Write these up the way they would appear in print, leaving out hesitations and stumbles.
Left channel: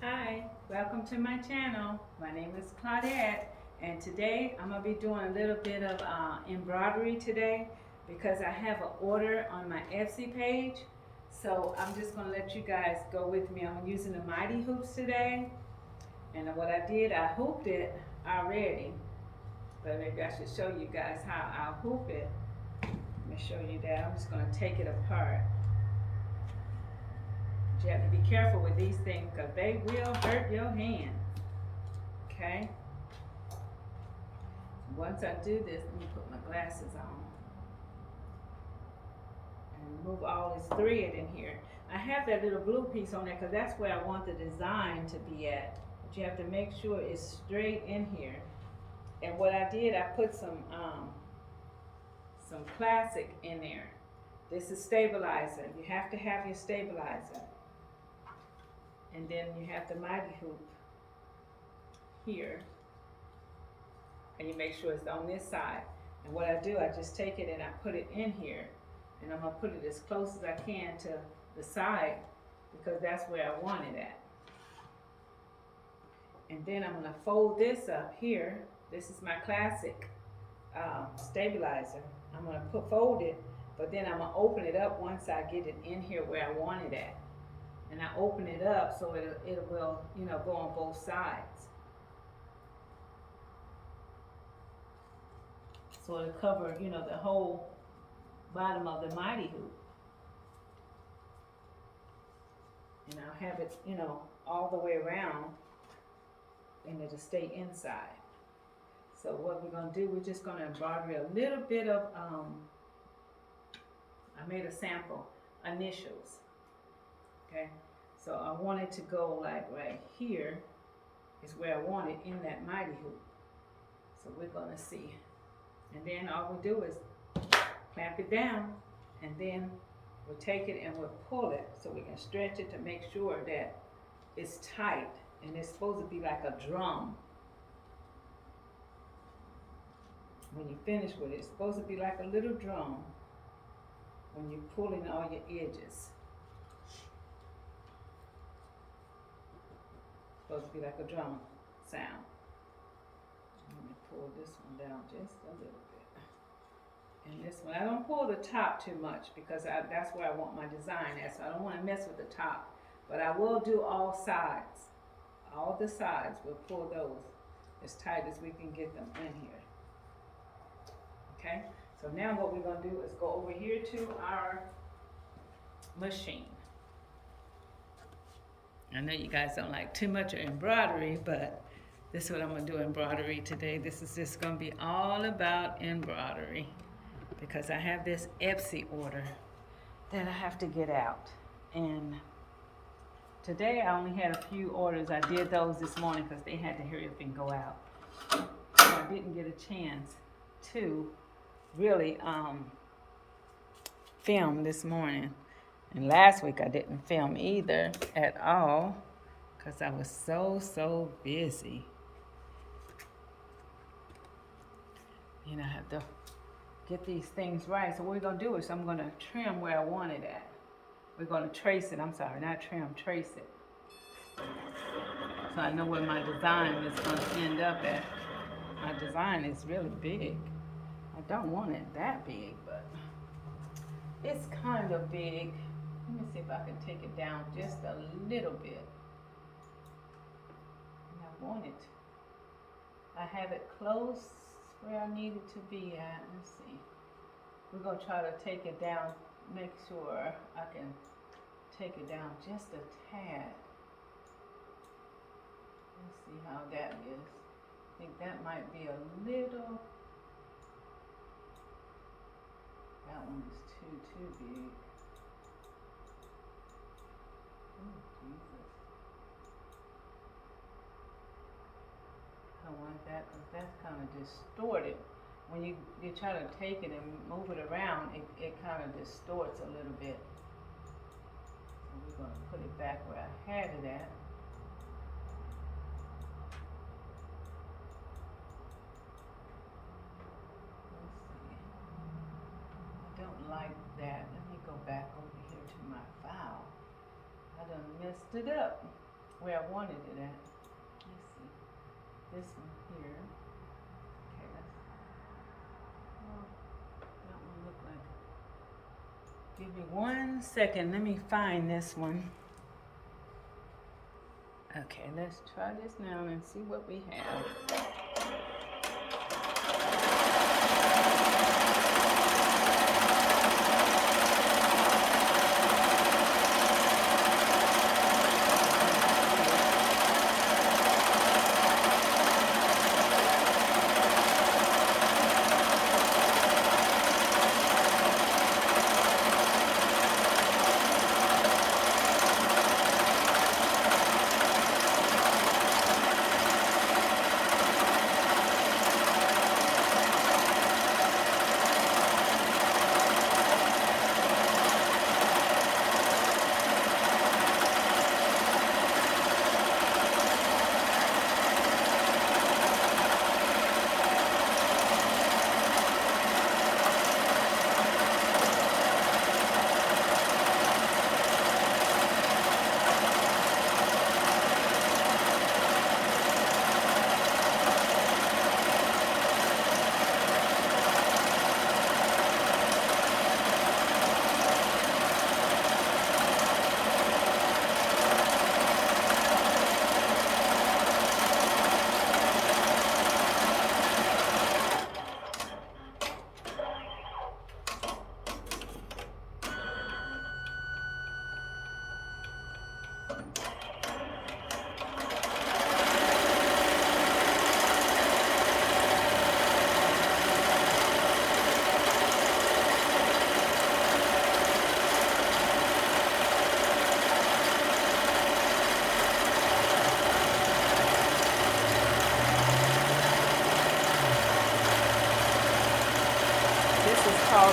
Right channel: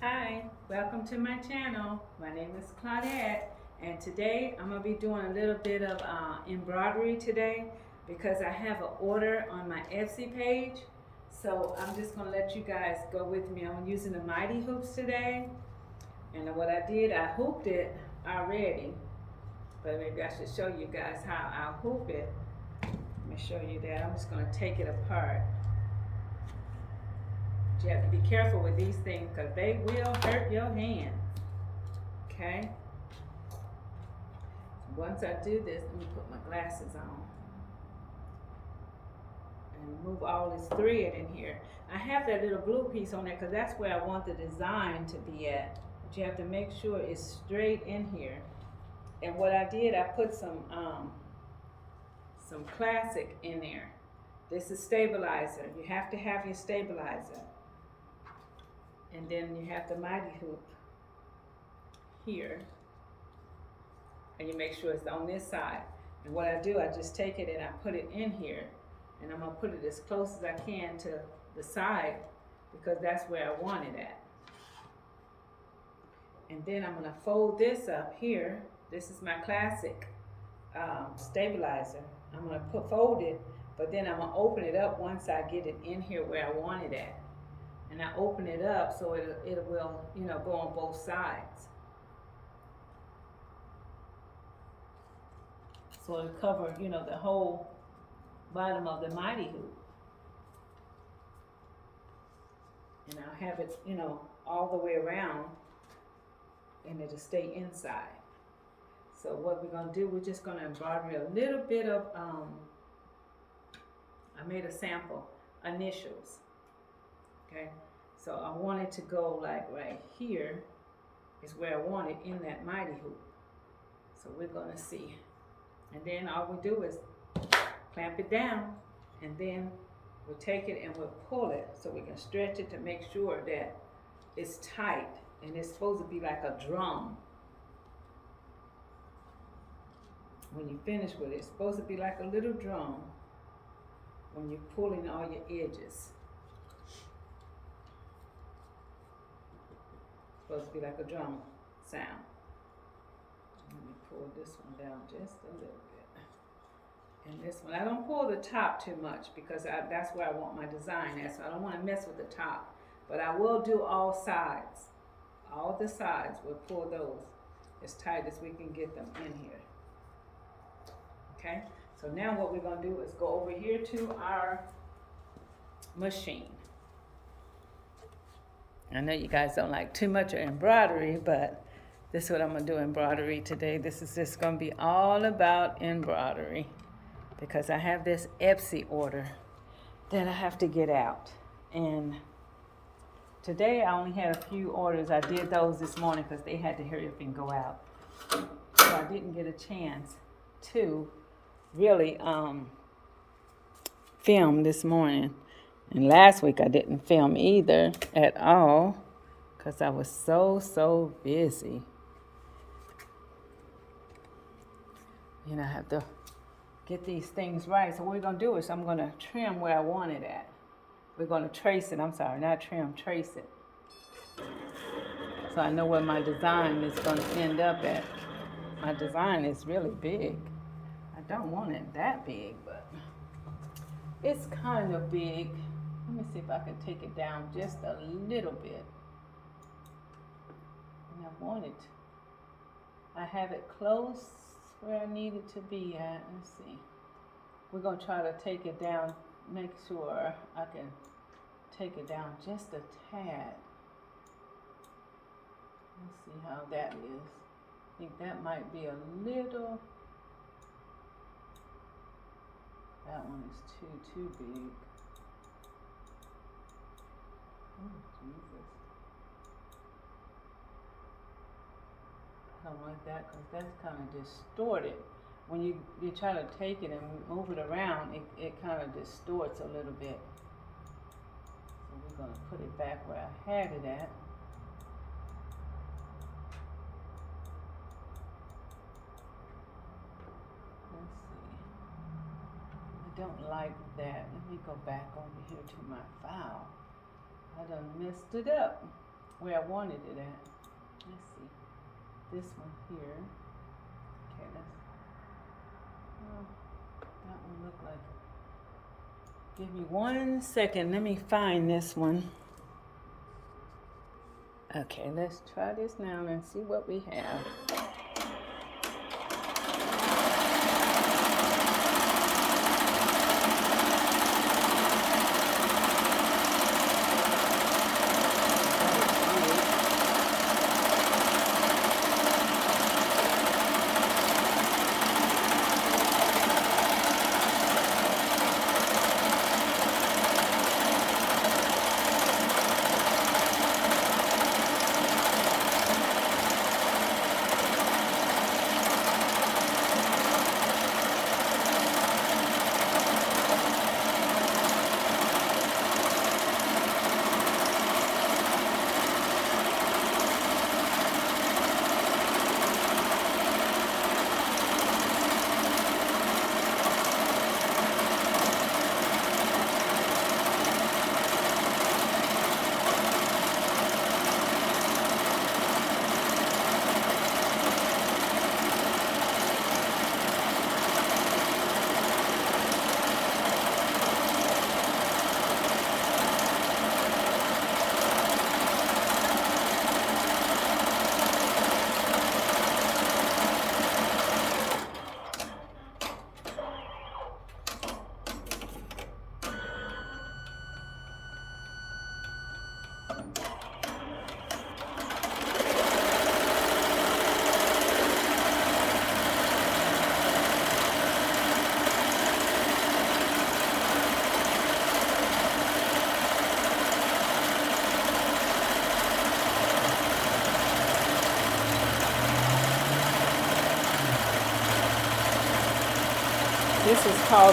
Hi, welcome to my channel. My name is Claudette, and today I'm going to be doing a little bit of embroidery today because I have an order on my Etsy page. So I'm just going to let you guys go with me. I'm using the Mighty Hoops today, and what I did, I hooped it already, but maybe I should show you guys how I'll hoop it. Let me show you that. I'm just going to take it apart. But you have to be careful with these things because they will hurt your hand. Okay? Once I do this, let me put my glasses on and move all this thread in here. I have that little blue piece on there because that's where I want the design to be at. But you have to make sure it's straight in here. And what I did, I put some classic in there. This is stabilizer. You have to have your stabilizer. And then you have the Mighty Hoop here. And you make sure it's on this side. And what I do, I just take it and I put it in here. And I'm going to put it as close as I can to the side because that's where I want it at. And then I'm going to fold this up here. This is my classic stabilizer. I'm going to fold it, but then I'm going to open it up once I get it in here where I want it at. And I open it up so it will, go on both sides. So it'll cover, the whole bottom of the Mighty Hoop. And I'll have it, all the way around, and it'll stay inside. So what we're gonna do, we're just gonna embroider a little bit of, I made a sample, initials, okay? So I want it to go like right here is where I want it in that Mighty Hoop. So we're gonna see. And then all we do is clamp it down, and then we'll take it and we'll pull it so we can stretch it to make sure that it's tight, and it's supposed to be like a drum. When you finish with it, it's supposed to be like a little drum when you're pulling all your edges. It's supposed to be like a drum sound. Let me pull this one down just a little bit. And this one, I don't pull the top too much because that's where I want my design at, so I don't want to mess with the top. But I will do all sides. All the sides, we'll pull those as tight as we can get them in here. Okay, so now what we're going to do is go over here to our machine. I know you guys don't like too much of embroidery, but this is what I'm going to do embroidery today. This is just going to be all about embroidery because I have this Etsy order that I have to get out. And today I only had a few orders. I did those this morning because they had to hurry up and go out. So I didn't get a chance to really film this morning. And last week I didn't film either at all because I was so busy. I have to get these things right. So what we're going to do is I'm going to trim where I want it at. We're going to trace it. I'm sorry, not trim, trace it. So I know where my design is going to end up at. My design is really big. I don't want it that big, but it's kind of big. Let me see if I can take it down just a little bit. And I want it. I have it close where I need it to be at. Let's see. We're going to try to take it down, make sure I can take it down just a tad. Let's see how that is. I think that might be a little, that one is too big. Oh, Jesus. I don't like that because that's kind of distorted. When you try to take it and move it around, it kind of distorts a little bit. So we're going to put it back where I had it at. Let's see. I don't like that. Let me go back over here to my file. I done messed it up. where I wanted it at. Let's see. This one here. Okay, oh, that one looked like it. Give me 1 second. Let me find this one. Okay, let's try this now and see what we have.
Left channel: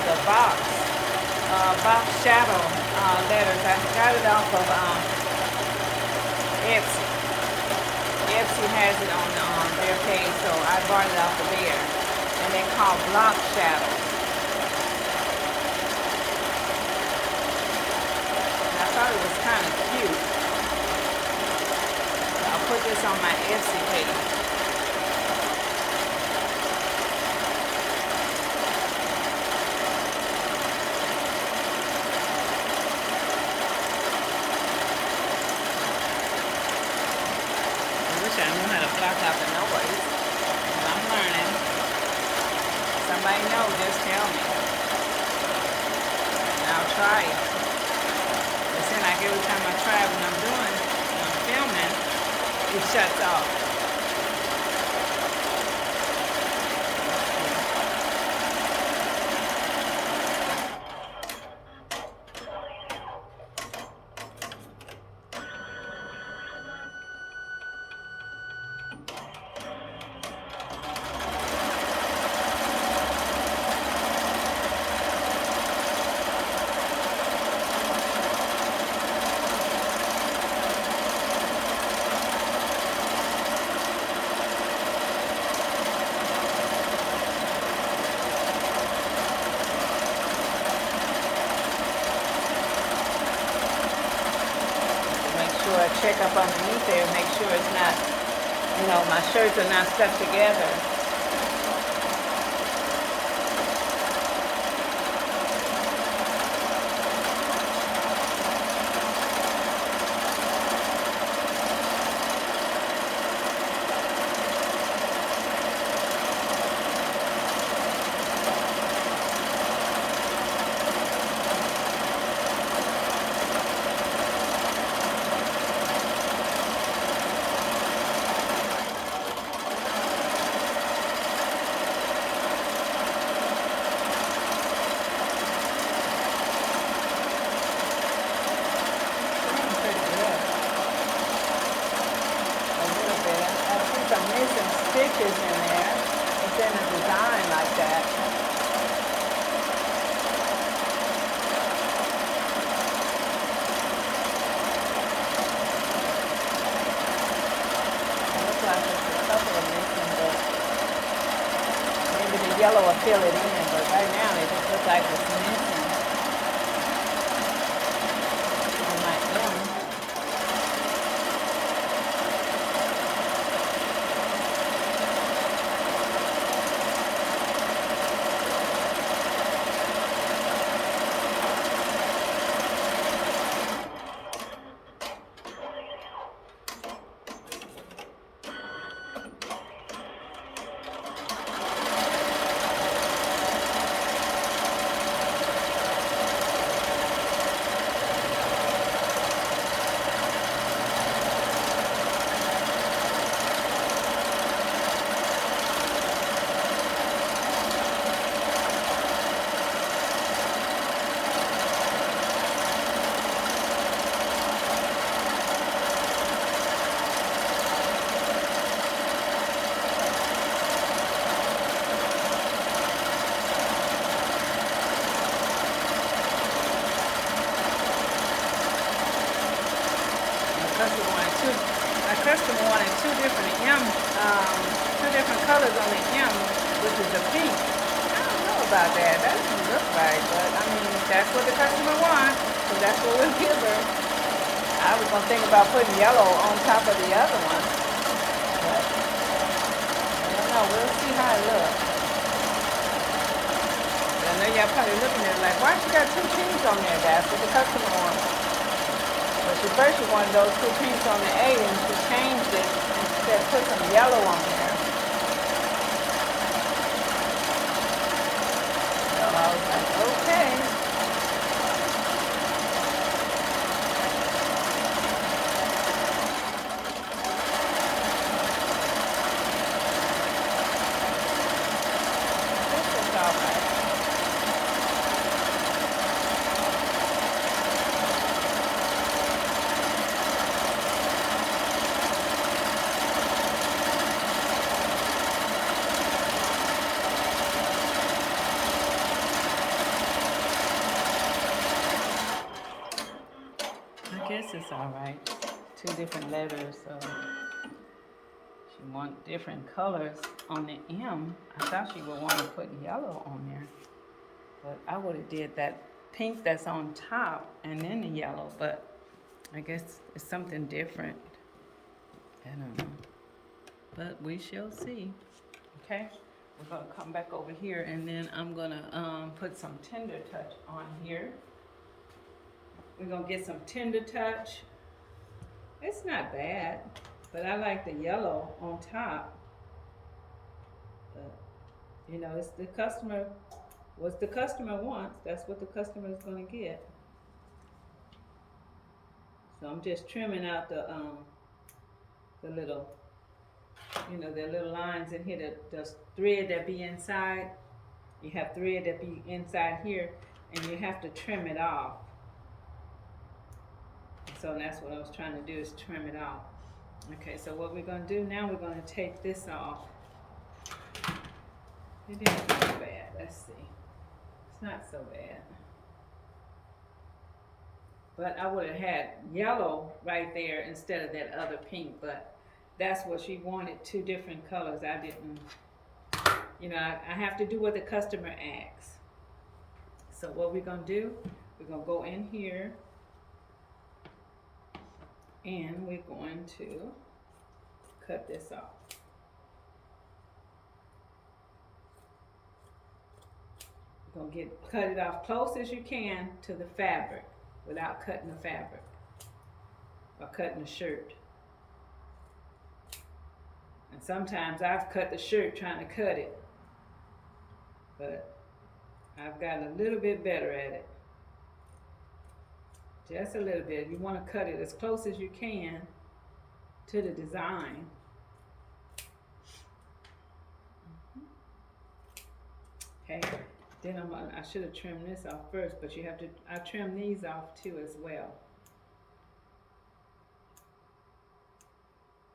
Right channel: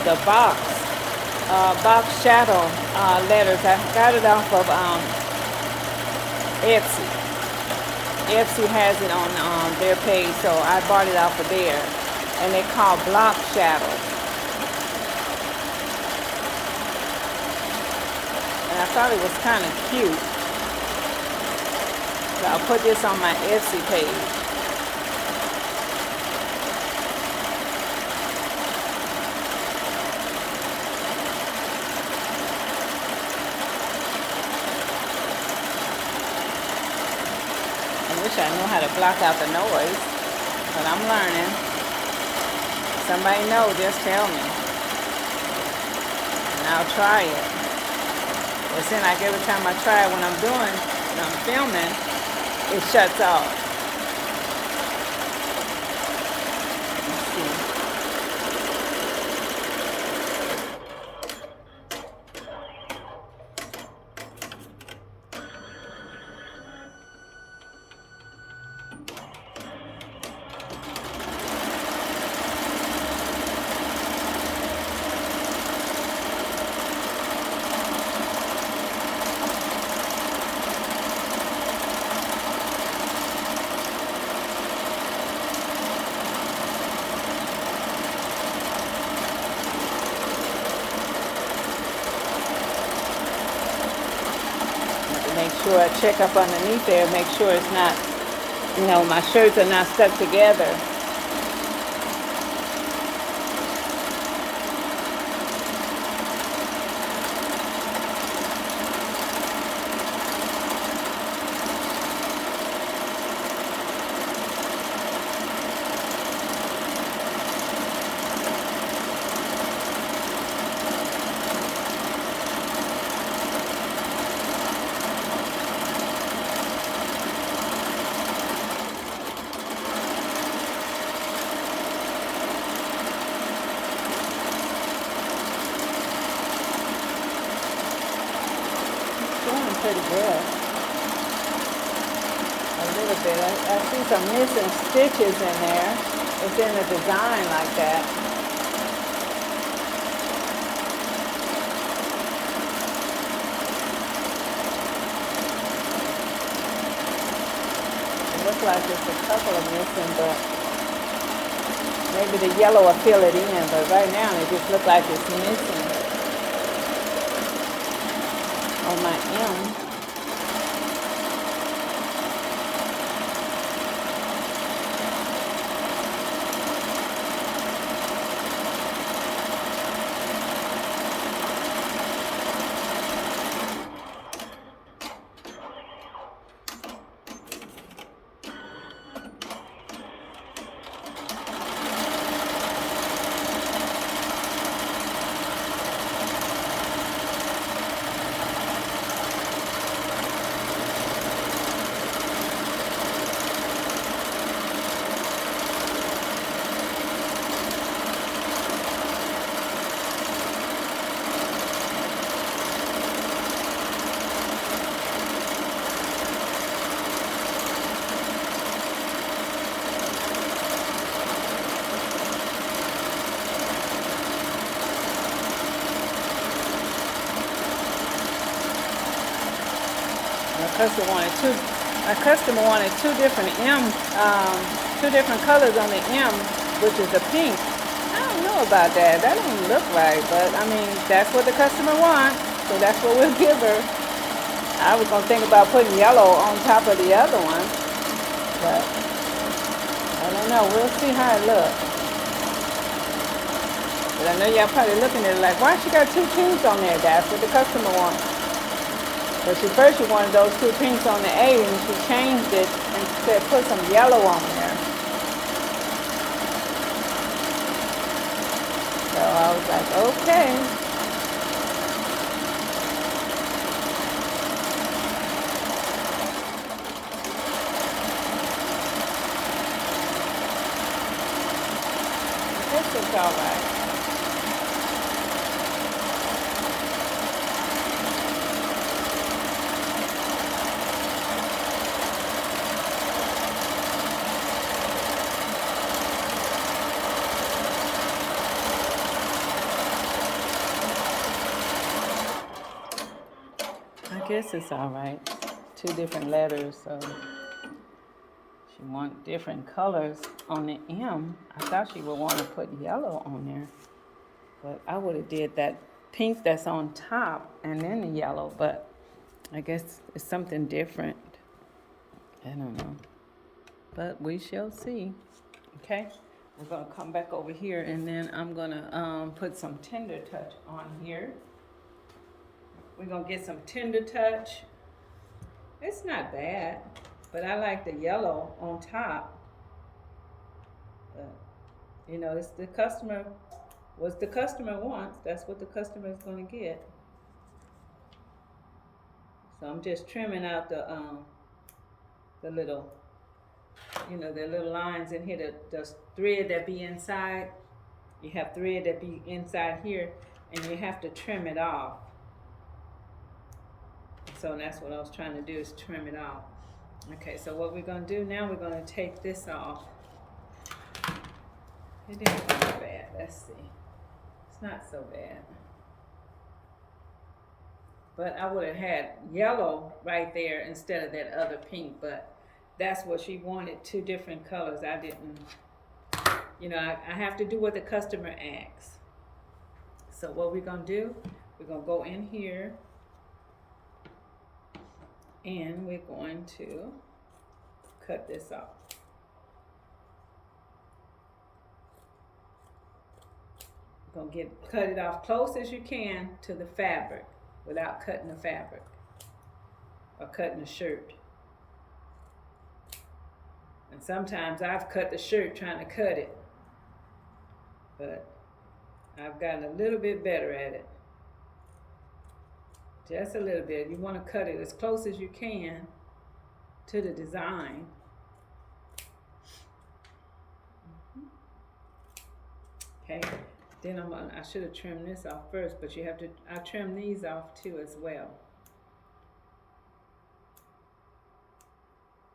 The box shadow letters. I got it off of Etsy. Etsy has it on their page, so I bought it off of there. And they're called block shadows. And I thought it was kind of cute. So I put this on my Etsy page. I know how to block out the noise when I'm lying. Somebody know, just tell me. And I'll try it. It seems like every time I try it when I'm filming, it shuts off. Check up underneath there, make sure it's not, my shirts are not stuck together. Missing stitches in there within the design like that. It looks like there's a couple of missing, but maybe the yellow will fill it in, but right now it just looks like it's missing. On that end. A customer wanted two different colors on the M, which is a pink. I don't know about that. That doesn't look right, but I mean, that's what the customer wants, so that's what we'll give her. I was gonna think about putting yellow on top of the other one, but I don't know. We'll see how it looks. But I know y'all probably looking at it like, why she got two pinks on there? That's what the customer wants. But she wanted those two pinks on the A, and she changed it and said put some yellow on there. So I was like, okay. I guess it's all right. Two different letters, so she want different colors on the M. I thought she would want to put yellow on there, but I would have did that pink that's on top and then the yellow, but I guess it's something different. I don't know, but we shall see. Okay, we're gonna come back over here, and then I'm gonna put some Tender Touch on here. We're gonna get some Tender Touch. It's not bad, but I like the yellow on top. You know, it's the customer, what the customer wants, that's what the customer is gonna get. So I'm just trimming out the little, you know, the little lines in here, the thread that be inside. You have thread that be inside here, and you have to trim it off. So that's what I was trying to do, is trim it off. Okay, so what we're gonna do now, we're gonna take this off. It didn't look bad, let's see. It's not so bad. But I would have had yellow right there instead of that other pink, but that's what she wanted, two different colors. I didn't, you know, I have to do what the customer asks. So what we're gonna do, we're gonna go in here, and we're going to cut this off. We're gonna cut it off close as you can to the fabric without cutting the fabric or cutting the shirt. And sometimes I've cut the shirt trying to cut it, but I've gotten a little bit better at it. Just a little bit. You want to cut it as close as you can to the design. Okay, then I should have trimmed this off first, but you have to, I trim these off too as well.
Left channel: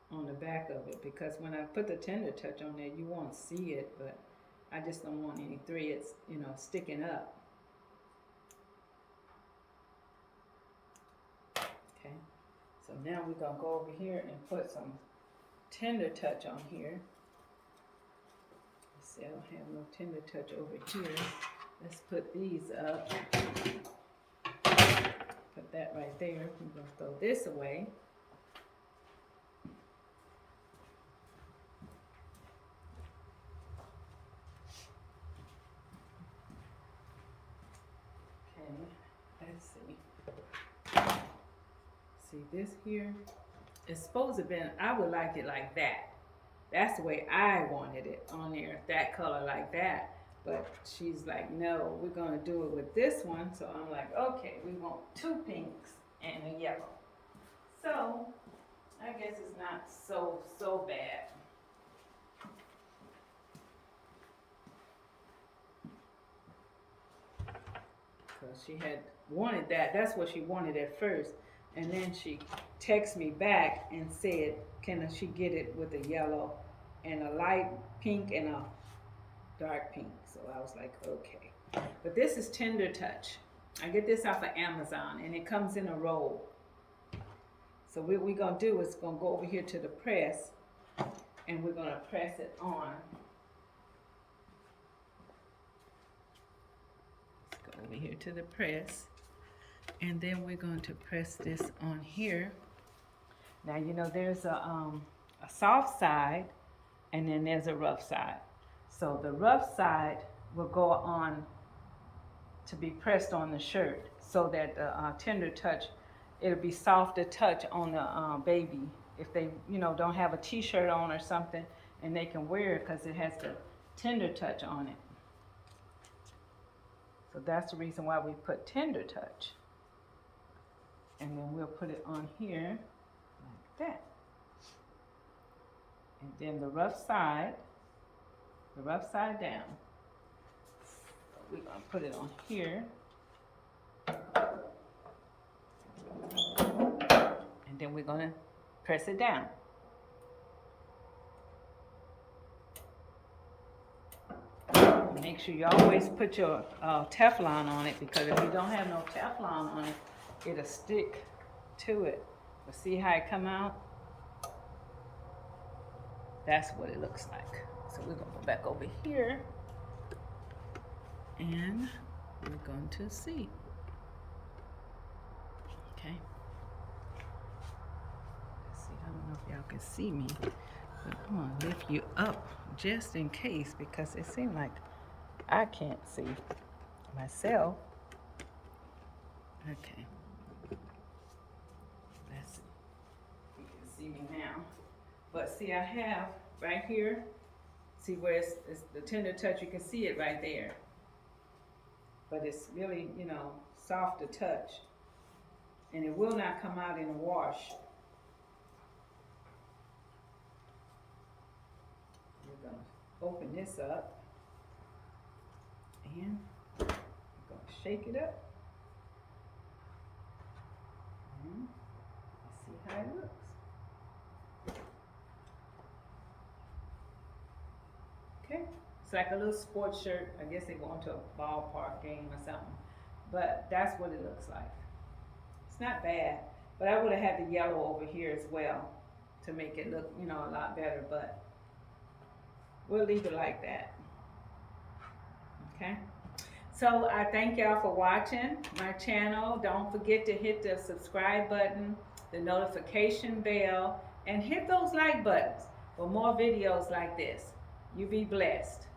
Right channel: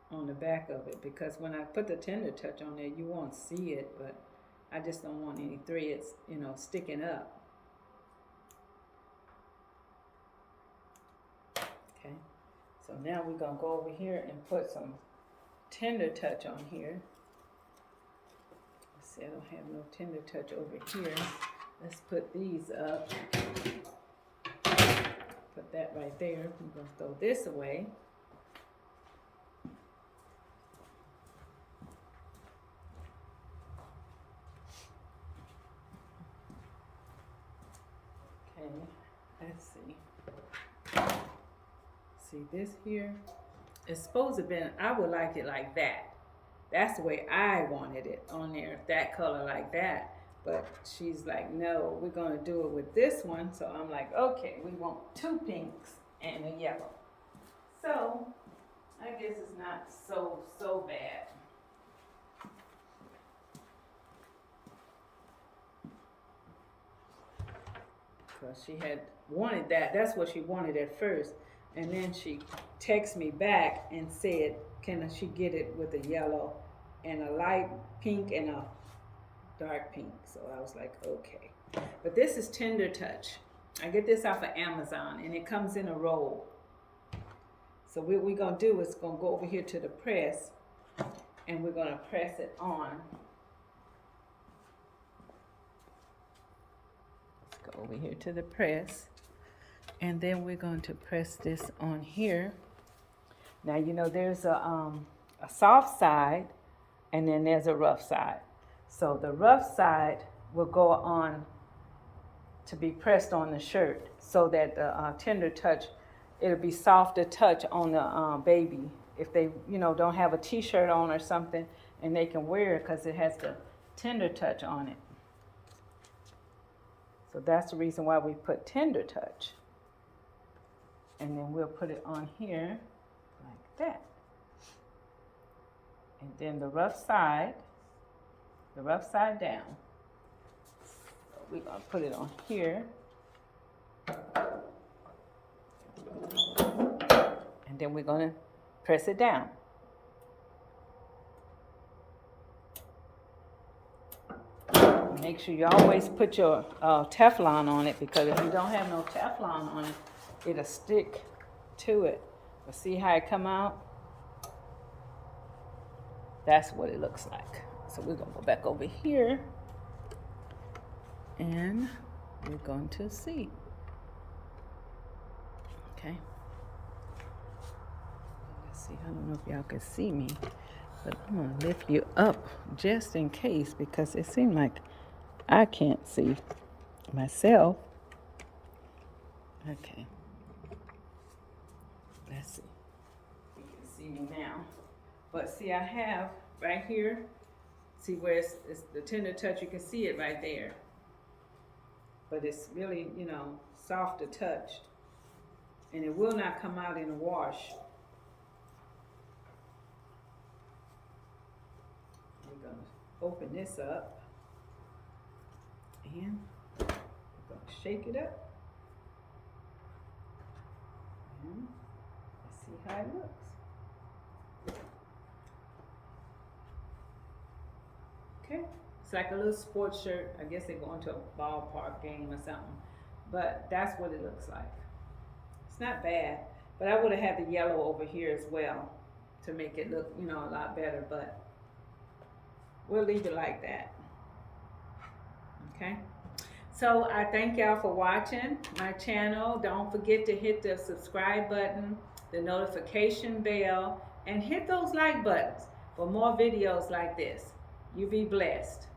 On the back of it, because when I put the Tender Touch on there, you won't see it, but I just don't want any threads, you know, sticking up. Okay, so now we're gonna go over here and put some Tender Touch on here. Let's see, I don't have no Tender Touch over here. Let's put these up. Put that right there. I'm gonna throw this away. Okay, let's see. See this here? It's supposed to be, I would like it like that. That's the way I wanted it on there, that color like that. But she's like, no, we're gonna do it with this one. So I'm like, okay, we want two pinks and a yellow. So I guess it's not so bad. Because she had wanted that. That's what she wanted at first. And then she texted me back and said, can she get it with a yellow and a light pink and a dark pink? So I was like, okay. But this is Tender Touch. I get this off of Amazon, and it comes in a roll. So what we're gonna do is gonna go over here to the press, and we're gonna press it on. Let's go over here to the press, and then we're going to press this on here. Now you know there's a soft side, and then there's a rough side. So the rough side will go on to be pressed on the shirt, so that the tender touch, it'll be softer touch on the baby. If they, you know, don't have a t-shirt on or something, and they can wear it because it has the tender touch on it. So that's the reason why we put tender touch. And then we'll put it on here like that. And then the rough side down. We're gonna put it on here. And then we're gonna press it down. Make sure you always put your Teflon on it, because if you don't have no Teflon on it, it'll stick to it. But see how it come out? That's what it looks like. So we're gonna go back over here, and we're going to see. Okay. Let's see, I don't know if y'all can see me, but I'm gonna lift you up just in case, because it seems like I can't see myself. Okay. Let's see. You can see me now. But see, I have right here, see where it's the tender touch, you can see it right there. But it's really, you know, soft to touch. And it will not come out in a wash. We're gonna open this up. And we're gonna shake it up. And let's see how it looks. Okay, it's like a little sports shirt. I guess they're going to a ballpark game or something. But that's what it looks like. It's not bad, but I would have had the yellow over here as well to make it look, you know, a lot better, but we'll leave it like that. Okay, so I thank y'all for watching my channel. Don't forget to hit the subscribe button, the notification bell, and hit those like buttons for more videos like this. You be blessed.